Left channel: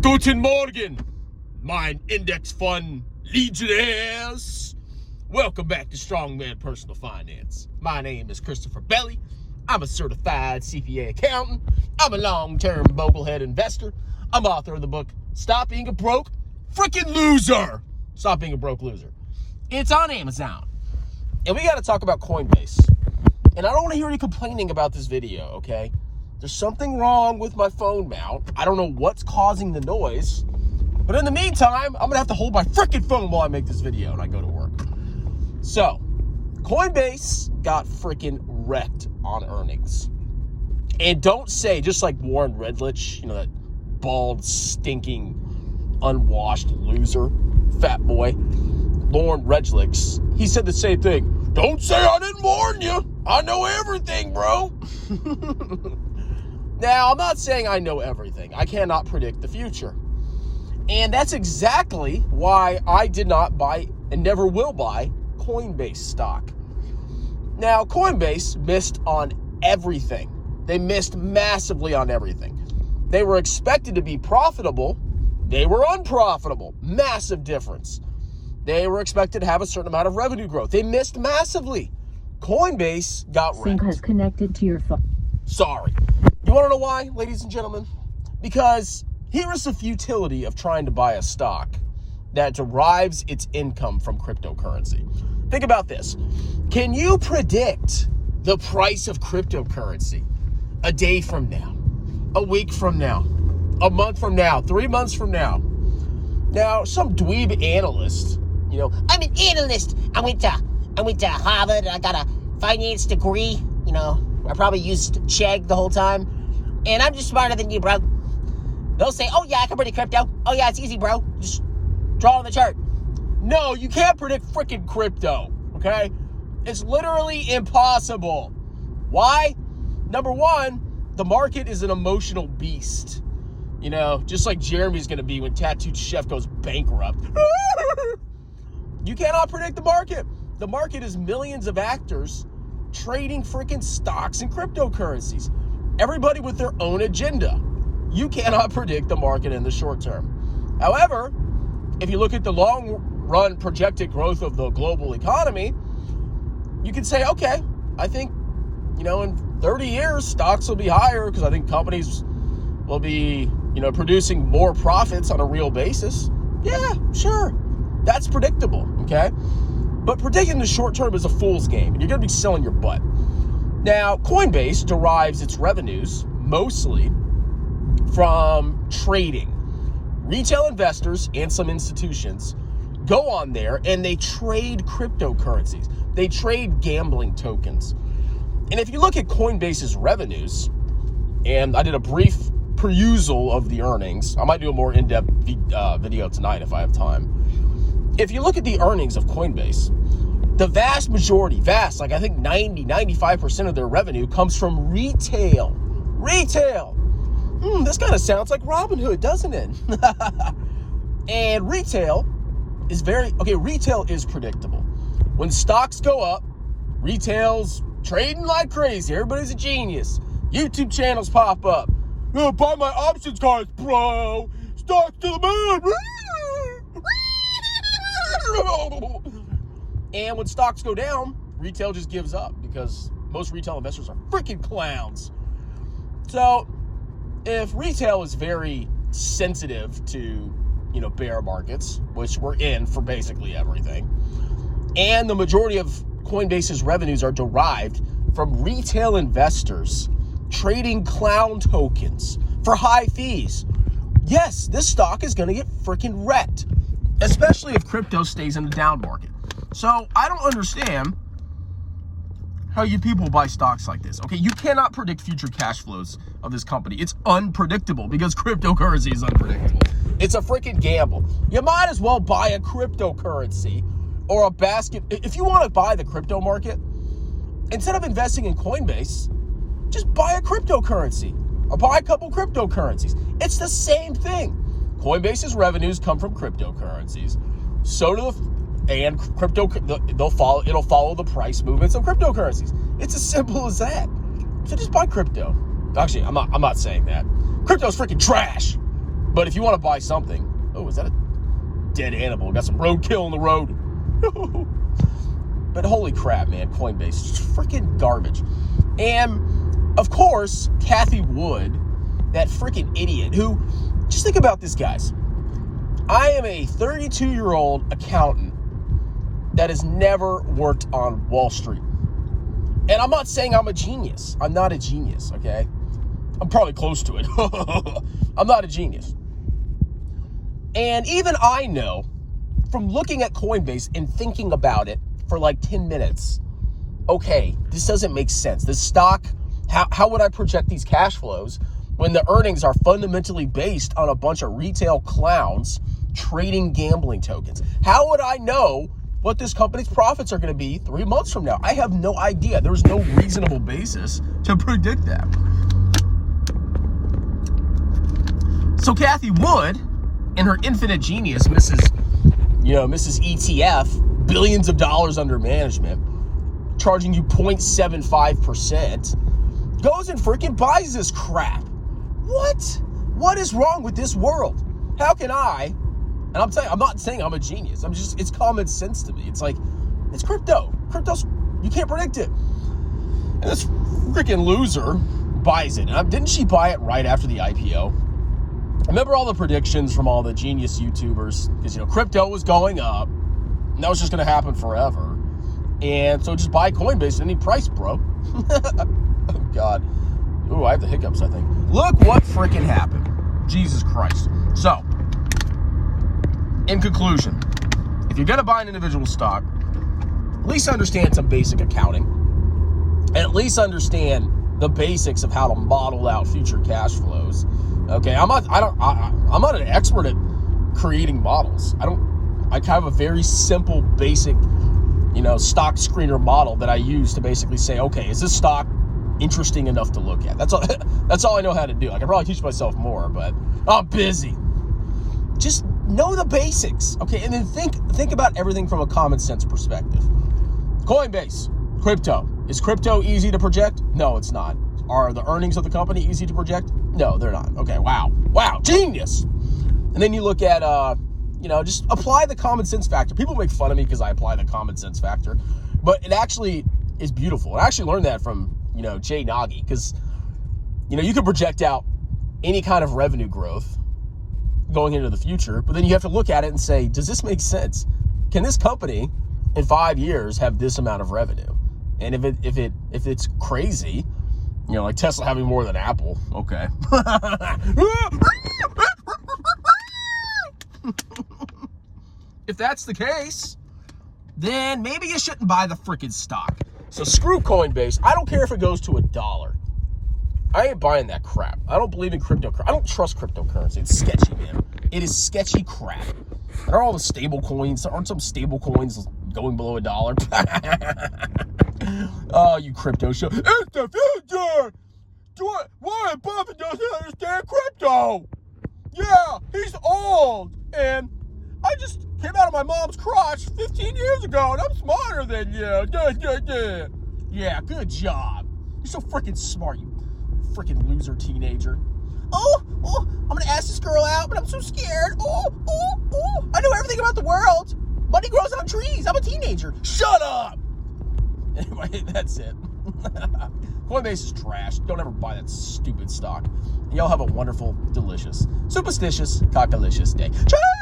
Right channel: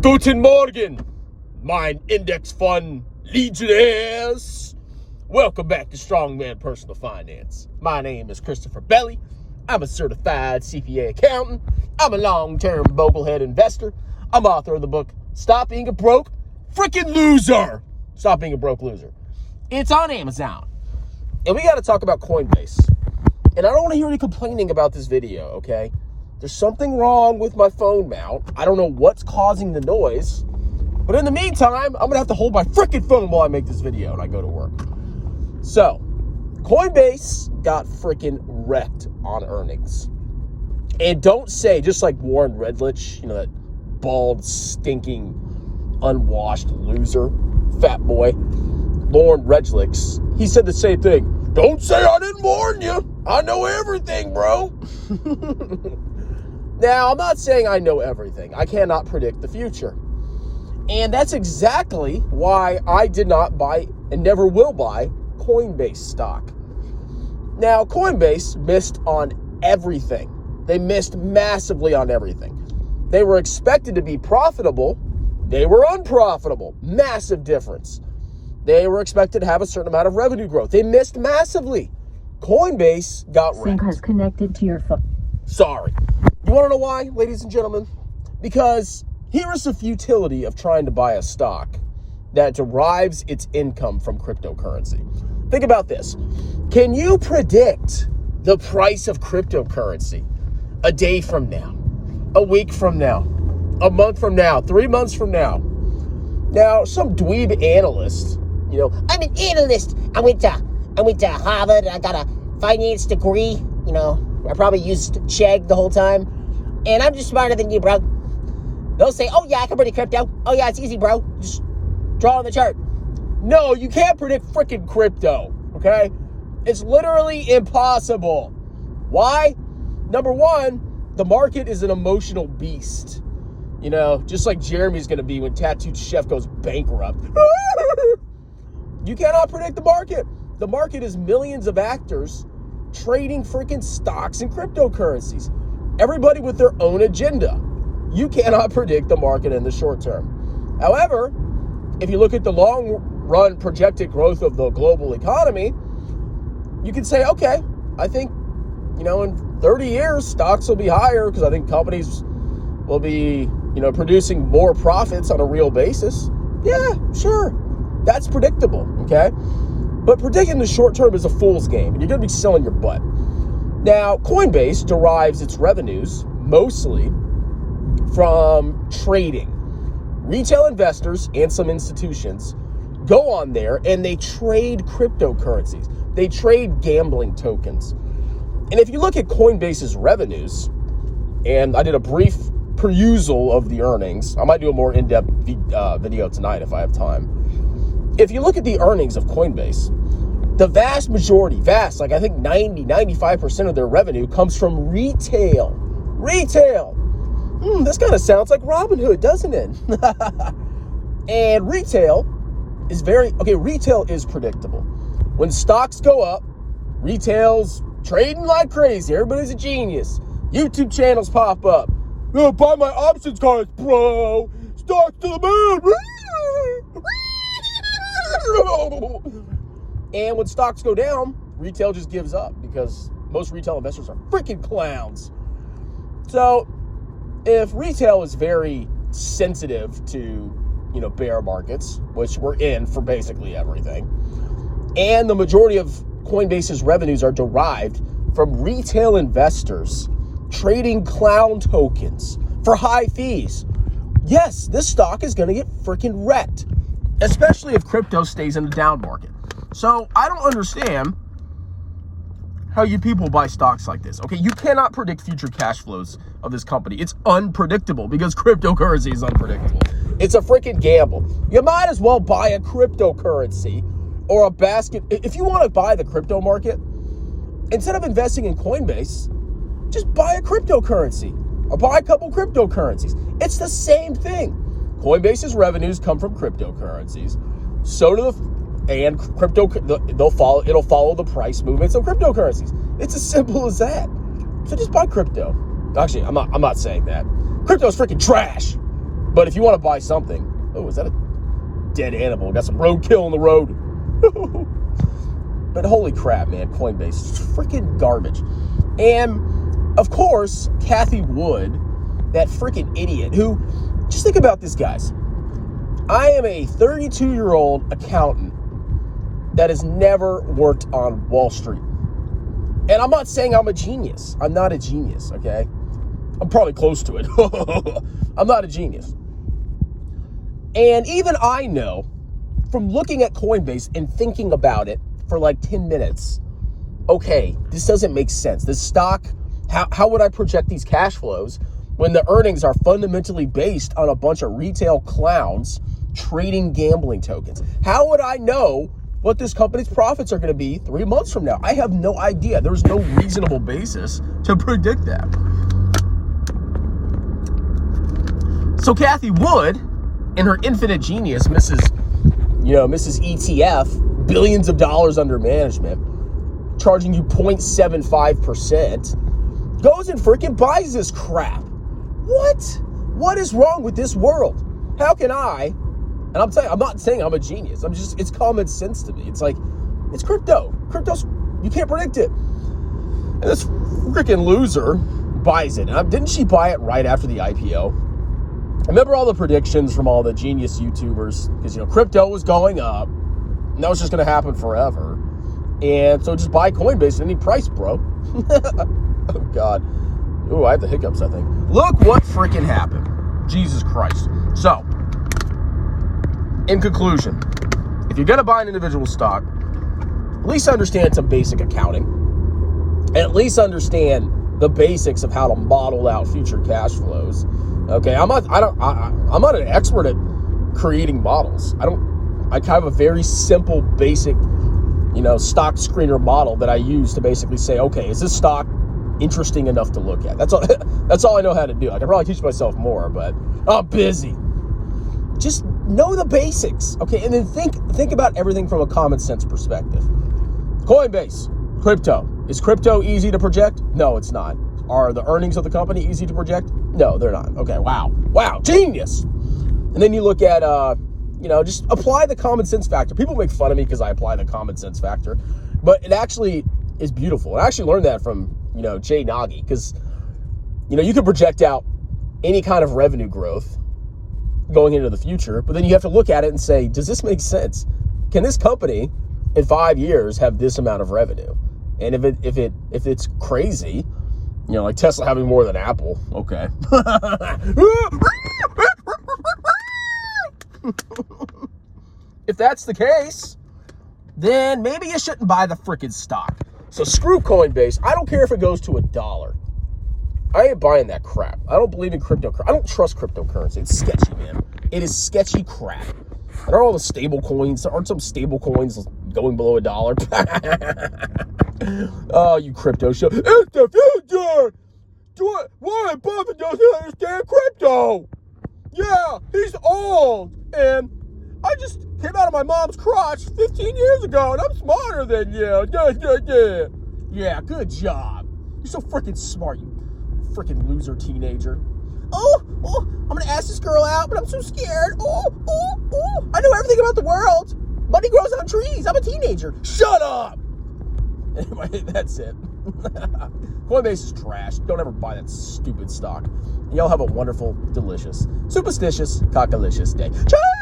Guten Morgen, mein Index Fund Legionnaires. Welcome back to Strongman Personal Finance. My name is Christopher Belly. I'm a certified CPA accountant. I'm a long-term boglehead investor. I'm author of the book, Stop Being a Broke Freaking Loser. Stop Being a Broke Loser. It's on Amazon. And we got to talk about Coinbase. And I don't want to hear any complaining about this video, okay? There's something wrong with my phone mount. I don't know what's causing the noise. But in the meantime, I'm going to have to hold my freaking phone while I make this video and I go to work. So, Coinbase got freaking wrecked on earnings. And don't say, just like Warren Redlich, that bald, stinking, unwashed loser, fat boy, Warren Redlich, he said the same thing. Don't say I didn't warn you. I know everything, bro. Now, I'm not saying I know everything. I cannot predict the future. And that's exactly why I did not buy and never will buy Coinbase stock. Now, Coinbase missed on everything. They missed massively on everything. They were expected to be profitable. They were unprofitable. Massive difference. They were expected to have a certain amount of revenue growth. They missed massively. Coinbase got wrecked. Sync has connected to your phone. Sorry. You want to know why, ladies and gentlemen? Because here is the futility of trying to buy a stock that derives its income from cryptocurrency. Think about this. Can you predict the price of cryptocurrency a day from now, a week from now, a month from now, 3 months from now? Now, some dweeb analyst, I'm an analyst. I went to Harvard. I got a finance degree. I probably used Chegg the whole time. And I'm just smarter than you, bro. They'll say, oh, yeah, I can predict crypto. Oh, yeah, it's easy, bro. Just draw on the chart. no, you can't predict freaking crypto, okay? It's literally impossible. Why? Number one, the market is an emotional beast. Just like Jeremy's going to be when Tattooed Chef goes bankrupt. You cannot predict the market. The market is millions of actors trading freaking stocks and cryptocurrencies. Everybody with their own agenda. You cannot predict the market in the short term. However, if you look at the long run projected growth of the global economy, you can say, okay, I think, in 30 years, stocks will be higher because I think companies will be, producing more profits on a real basis. Yeah, sure. That's predictable, okay? But predicting the short term is a fool's game, and you're going to be selling your butt. Now, Coinbase derives its revenues mostly from trading. Retail investors and some institutions go on there and they trade cryptocurrencies. They trade gambling tokens. And if you look at Coinbase's revenues, and I did a brief perusal of the earnings. I might do a more in-depth video tonight if I have time. If you look at the earnings of Coinbase, the vast majority, I think 95% of their revenue comes from retail. Retail. This kind of sounds like Robinhood, doesn't it? And retail is retail is predictable. When stocks go up, retail's trading like crazy. Everybody's a genius. YouTube channels pop up. Buy my options cards, bro. Stocks to the moon. And when stocks go down, retail just gives up because most retail investors are freaking clowns. So if retail is very sensitive to, bear markets, which we're in for basically everything, and the majority of Coinbase's revenues are derived from retail investors trading clown tokens for high fees, yes, this stock is going to get freaking wrecked, especially if crypto stays in the down market. So I don't understand how you people buy stocks like this. Okay, you cannot predict future cash flows of this company. It's unpredictable because cryptocurrency is unpredictable. It's a freaking gamble. You might as well buy a cryptocurrency or a basket. If you want to buy the crypto market, instead of investing in Coinbase, just buy a cryptocurrency or buy a couple cryptocurrencies. It's the same thing. Coinbase's revenues come from cryptocurrencies. So do it'll follow the price movements of cryptocurrencies. It's as simple as that. So just buy crypto. Actually, I'm not saying that. Crypto's freaking trash. But if you want to buy something, oh, is that a dead animal? Got some roadkill on the road. But holy crap, man, Coinbase, it's freaking garbage. And of course, Cathie Wood, that freaking idiot who, just think about this, guys. I am a 32-year-old accountant that has never worked on Wall Street. And I'm not saying I'm a genius. I'm not a genius, okay? I'm probably close to it. I'm not a genius. And even I know, from looking at Coinbase and thinking about it for like 10 minutes, okay, this doesn't make sense. This stock, how would I project these cash flows when the earnings are fundamentally based on a bunch of retail clowns trading gambling tokens? How would I know what this company's profits are going to be 3 months from now? I have no idea. There's no reasonable basis to predict that. So Cathie Wood, in her infinite genius, Mrs. ETF, billions of dollars under management, charging you 0.75%, goes and freaking buys this crap. What is wrong with this world? How can I? And I'm not saying I'm a genius. It's common sense to me. It's like, it's crypto. Crypto's, you can't predict it. And this freaking loser buys it. And didn't she buy it right after the IPO? I remember all the predictions from all the genius YouTubers, because, crypto was going up, and that was just going to happen forever. And so just buy Coinbase at any price, bro. Oh, God. Ooh, I have the hiccups, I think. Look what freaking happened. Jesus Christ. So, in conclusion, if you're going to buy an individual stock, at least understand some basic accounting, and at least understand the basics of how to model out future cash flows. Okay, I'm not an expert at creating models. I have a very simple, basic, stock screener model that I use to basically say, okay, is this stock interesting enough to look at? That's all I know how to do. I can probably teach myself more, but I'm busy. Just know the basics, okay? And then think about everything from a common sense perspective. Coinbase, crypto. Is crypto easy to project? No, it's not. Are the earnings of the company easy to project? No, they're not. Okay, wow, genius. And then you look at, just apply the common sense factor. People make fun of me because I apply the common sense factor, but it actually is beautiful. And I actually learned that from, Jay Nagy, because, you can project out any kind of revenue growth going into the future, but then you have to look at it and say, does this make sense? Can this company in 5 years have this amount of revenue? And if it's crazy, like Tesla having more than Apple, okay. If that's the case, then maybe you shouldn't buy the freaking stock. So screw Coinbase. I don't care if it goes to $1. I ain't buying that crap. I don't believe in cryptocurrency. I don't trust cryptocurrency. It's sketchy, man. It is sketchy crap. And are all the stable coins? Aren't some stable coins going below $1? Oh, you crypto show. It's the future. Warren Buffett doesn't understand crypto. Yeah, he's old. And I just came out of my mom's crotch 15 years ago, and I'm smarter than you. Yeah, good job. You're so freaking smart, you freaking loser teenager. Oh, I'm going to ask this girl out, but I'm so scared. Oh, I know everything about the world. Money grows on trees. I'm a teenager. Shut up. Anyway, that's it. Coinbase is trash. Don't ever buy that stupid stock. Y'all have a wonderful, delicious, superstitious, cockalicious day. Cheers!